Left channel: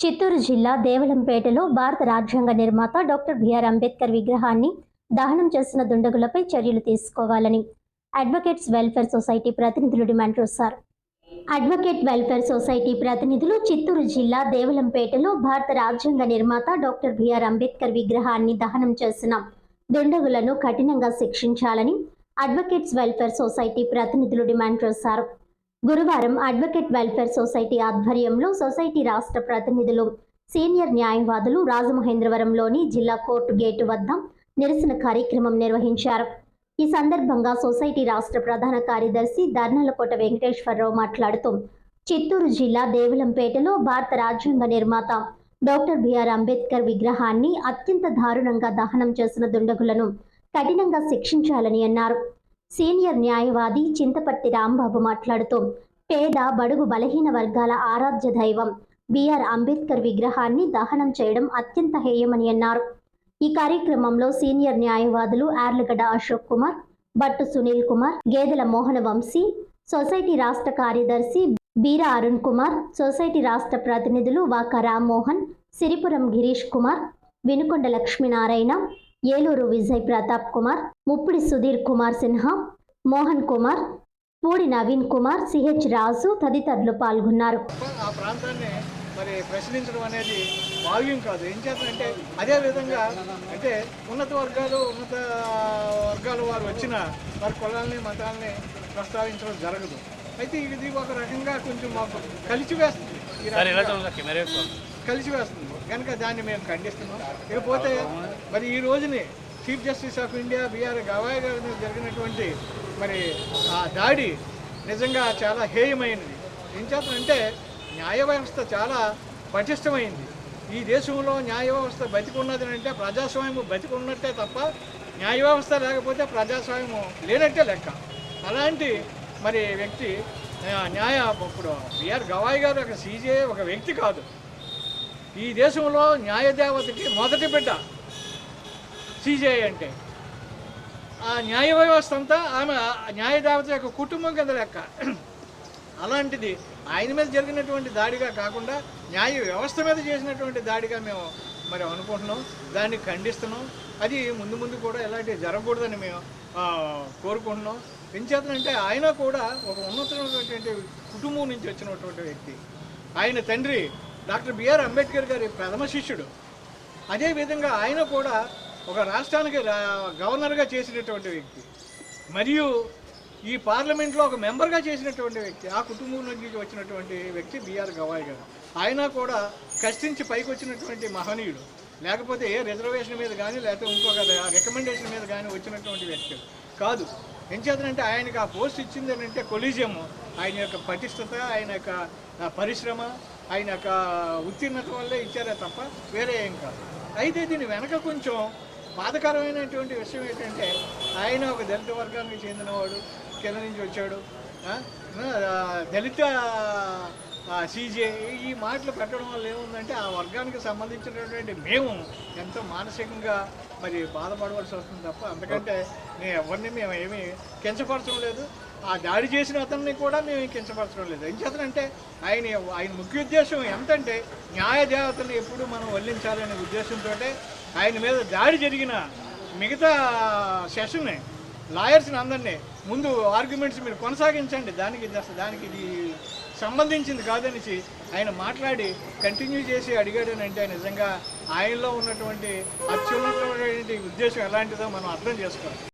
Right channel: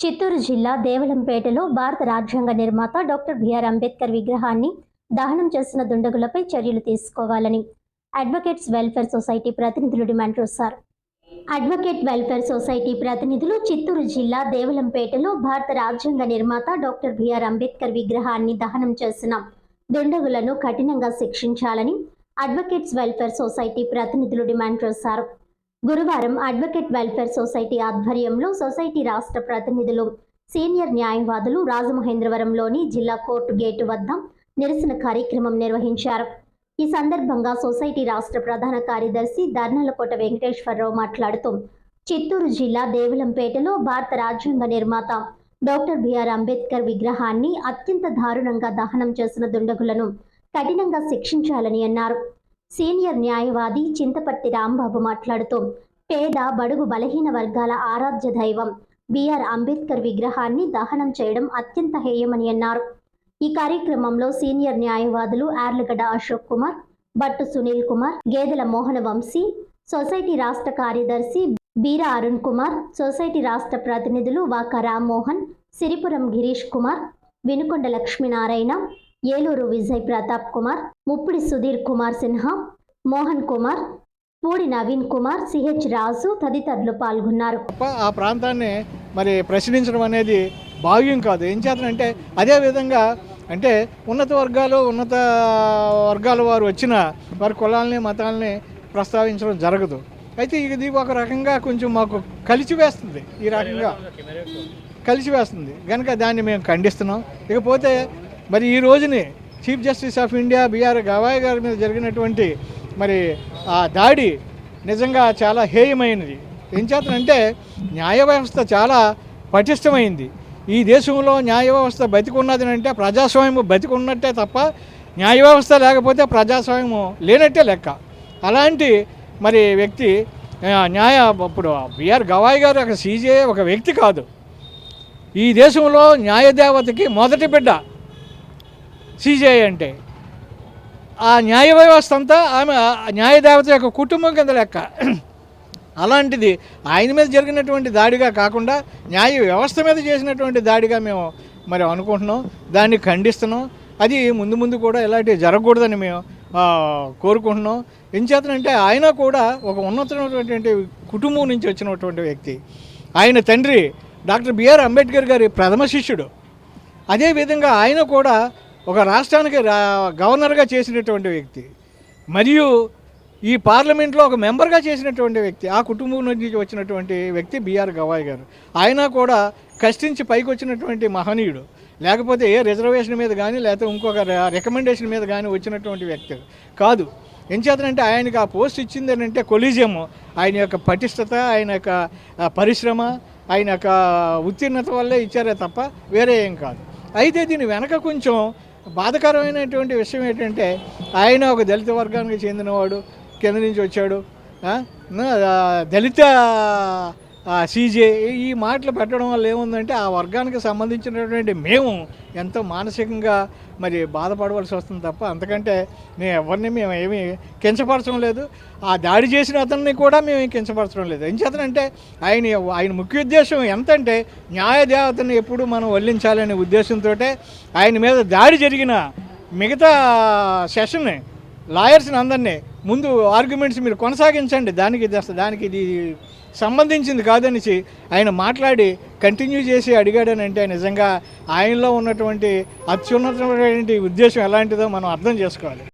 చిత్తూరు జిల్లా దేవలంపేటలో భారత రాజ్యాంగ నిర్మాత డాక్టర్ బిఆర్ అంబేద్కర్ విగ్రహాన్ని దహనం చేసిన దుండగులపై చర్యలు తీసుకోవాలని అడ్వకేట్స్ వెల్ఫేర్ సొసైటీ ప్రతినిధులు డిమాండ్ చేశారు. అడ్వకేట్ వెల్ఫేర్ సొసైటీ ప్రతినిధులు చిత్తూరు జిల్లా దేవలంపేటలో భారత రాజ్యాంగ నిర్మాత డాక్టర్ బిఆర్ అంబేద్కర్ విగ్రహాన్ని దహనం చేసిన దుండగులను కఠినంగా శిక్షించాలని అడ్వకేట్స్ వెల్ఫేర్ సొసైటీ ప్రతినిధులు డిమాండ్ చేశారు. గురువారం అడ్వకేట్ వెల్ఫేర్ సొసైటీ ఆధ్వర్యంలో సొసైటీ రాష్ట్ర ప్రతినిధులు సీనియర్ న్యాయవాదులు రాజమహేంద్రవరంలోని జిల్లా కోర్టు గేటు వద్ద నిరసన కార్యక్రమం నిర్వహించారు. ఈ సందర్భంగా సొసైటీ రాష్ట్ర ప్రధాన కార్యదర్శి దర్నలకోట వెంకటేశ్వరరావు మాట్లాడుతూ చిత్తూరు జిల్లా దేవలంపేటలో భారత రాజ్యాంగ నిర్మాత డాక్టర్ బిఆర్ అంబేద్కర్ విగ్రహాన్ని అత్యంత దారుణంగా దహనం చేసిన దుండగులను కఠినంగా శిక్షించాలని అన్నారు. సీనియర్ న్యాయవాది చింతపట్టి రాంబాబు మాట్లాడుతూ పేద బడుగు బలహీన వర్గాల ఆరాధ్య దైవం బిఆర్ అంబేద్కర్ విగ్రహాన్ని దహనం చేయడం అత్యంత హేయమని అన్నారు. ఈ కార్యక్రమంలో సీనియర్ న్యాయవాదులు ఆర్లగడ్డ అశోక్ కుమార్ భట్టు సునీల్ కుమార్ గేదెల మోహన వంశీ సొసైటీ రాష్ట్ర కార్యదర్శి బీర అరుణ్ కుమార్ సొసైటీ రాష్ట్ర ప్రతినిధులు వాక రామ్మోహన్ సిరిపురం గిరీష్ కుమార్ వినుకొండ లక్ష్మీనారాయణ ఏలూరు విజయ్ ప్రతాప్ కుమార్ ముప్పిడి సుధీర్ కుమార్ సిన్హా మోహన్ కుమార్ పూడి నవీన్ కుమార్ సిహెచ్ రాజు తదితరులు పాల్గొన్నారు. ఆ ప్రాంతాన్ని మరి ప్రశ్నించడం అనేది భావ్యం కాదు. ఏం చేతనంటే అదే విధంగా అంటే ఉన్నత వర్గాలు ఉన్నత వర్గాల వారు వచ్చిన వారి కులాలని మతాలని ప్రస్తావించడం జరగదు. అయితే ఇది ఒక రకంగా కొంచెం మాకు కలిసి వేస్తుంది ఈ రకంగా కలిసి వేస్తుంది కనుక దాన్ని మేము ఖండిస్తున్నాం. ఇకపోతే మరి ఈ రోజుని chief justice of India BR Gavai గారి మీద జరిగినటువంటి మరి ఆ దాడి నిజంగా చాలా హేయమైనది. ఏం చేతనంటే న్యాయ వ్యవస్థ చాలా పటిష్టమైంది. ఈ దేశంలో న్యాయ వ్యవస్థ బతికున్నది అంటే ప్రజాస్వామ్యం బతికున్నట్టే తప్ప న్యాయ వ్యవస్థ లేకపోతే ప్రజాస్వామ్యం లేనట్టే లెక్క. అలాంటి మరి వ్యక్తి ఆ, న్యాయ ఇప్పుడు బిఆర్ గవాయ్ గారు ఒక సీజే ఒక వ్యక్తి కాదు. ఈ దేశంలో న్యాయదేవతకి మొదటి బిడ్డ సీజీఐ అంటే. ఆ న్యాయ వ్యవస్థ అంతా ఆమె ఆ న్యాయదేవత యొక్క కుటుంబం కింద లెక్క. అలాంటిది ఆయన మీద జరిగినటువంటి దాడిగా కాకుండా న్యాయ వ్యవస్థ మీద చేసినటువంటి దాడిగా మేము మరి అనుకుంటున్నాం. దాన్ని ఖండిస్తున్నాం. అది ముందు ముందు కూడా ఇలాంటివి జరగకూడదని మేము కోరుకుంటున్నాం. ఎంచేతనంటే ఆయన కూడా ఒక ఉన్నతమైనటువంటి కుటుంబం నుంచి వచ్చినటువంటి వ్యక్తి. ఆయన తండ్రి డాక్టర్ బిఆర్ అంబేద్కర్ గారి ప్రథమ శిష్యుడు. అదేవిధంగా ఆయన కూడా ఒక రాష్ట్రానికి గవర్నర్గా చేసినటువంటి వ్యక్తి. మరియు ఈ పార్లమెంట్లో ఒక మెంబర్గా చేసినటువంటి వ్యక్తి ఆ కుటుంబం నుంచి వచ్చినటువంటి వ్యక్తి బీఆర్ గవాయ్ గారు. ఆయన కూడా కష్టించి పైకి వచ్చినటువంటి మహనీయుడు. లేకపోతే ఏ రిజర్వేషన్ మీద కానీ లేకపోతే ఇంకొక రికమెండేషన్ మీద కానీ వచ్చినటువంటి వ్యక్తి కాదు. ఎంచేతనంటే ఆయనకి ఆ పోస్ట్ ఇచ్చింది అంటే కొలీజియం ఆయన యొక్క పటిష్టత ఆయన యొక్క పరిశ్రమ ఆయన యొక్క ఉత్తీర్ణత వల్లే ఇచ్చారే తప్ప వేరే ఏం కాదు. అయితే దీని వెనక కొంచెం బాధకరమైనటువంటి విషయం ఏంటంటే ఆయన ఒక దళిత వర్గానికి చెందినవాడు కింద నుంచి వచ్చాడు. దళిత సీజే ఈ మాటలు పెట్టడం వల్ల ఏముందంటే ఆ వర్గానికి సంబంధించినటువంటి మేము ఎంతో మానసికంగా మరి బాధపడవలసి వస్తుంది తప్ప అంతకంటే నేను ఎవరిని మేము ఏమీ కించపరచడం లేదు. ఆ దాడి చేసిన అతన్ని కూడా మేము కించపరచడం లేదు. ఏం చేతనంటే ఆయన ఆయన ముఖ్య ఉద్దేశం ఎంతంటే న్యాయ దేవతని ఎప్పుడు మనం వల్లించాలనే ఉద్దేశంతో ఆయన మీద దాడి జరిగిన మిగతా సెషన్ని లాయర్స్ని అందరినీ ముందు ఆర్గ్యుమెంట్స్ మీరు కొనసాగించండి. దానికి ఇది దానికి ఇది సంబంధించింది కాదనేసి ఆయన మాట్లాడి కంటిన్యూ చేసి అడిగాడనంటే నిజంగా ఆయనలో ఉన్నటువంటి అత్యున్నతమైనటువంటి ఉద్దేశం ఎలాంటిదో మనం అర్థం చేసుకోవాలి.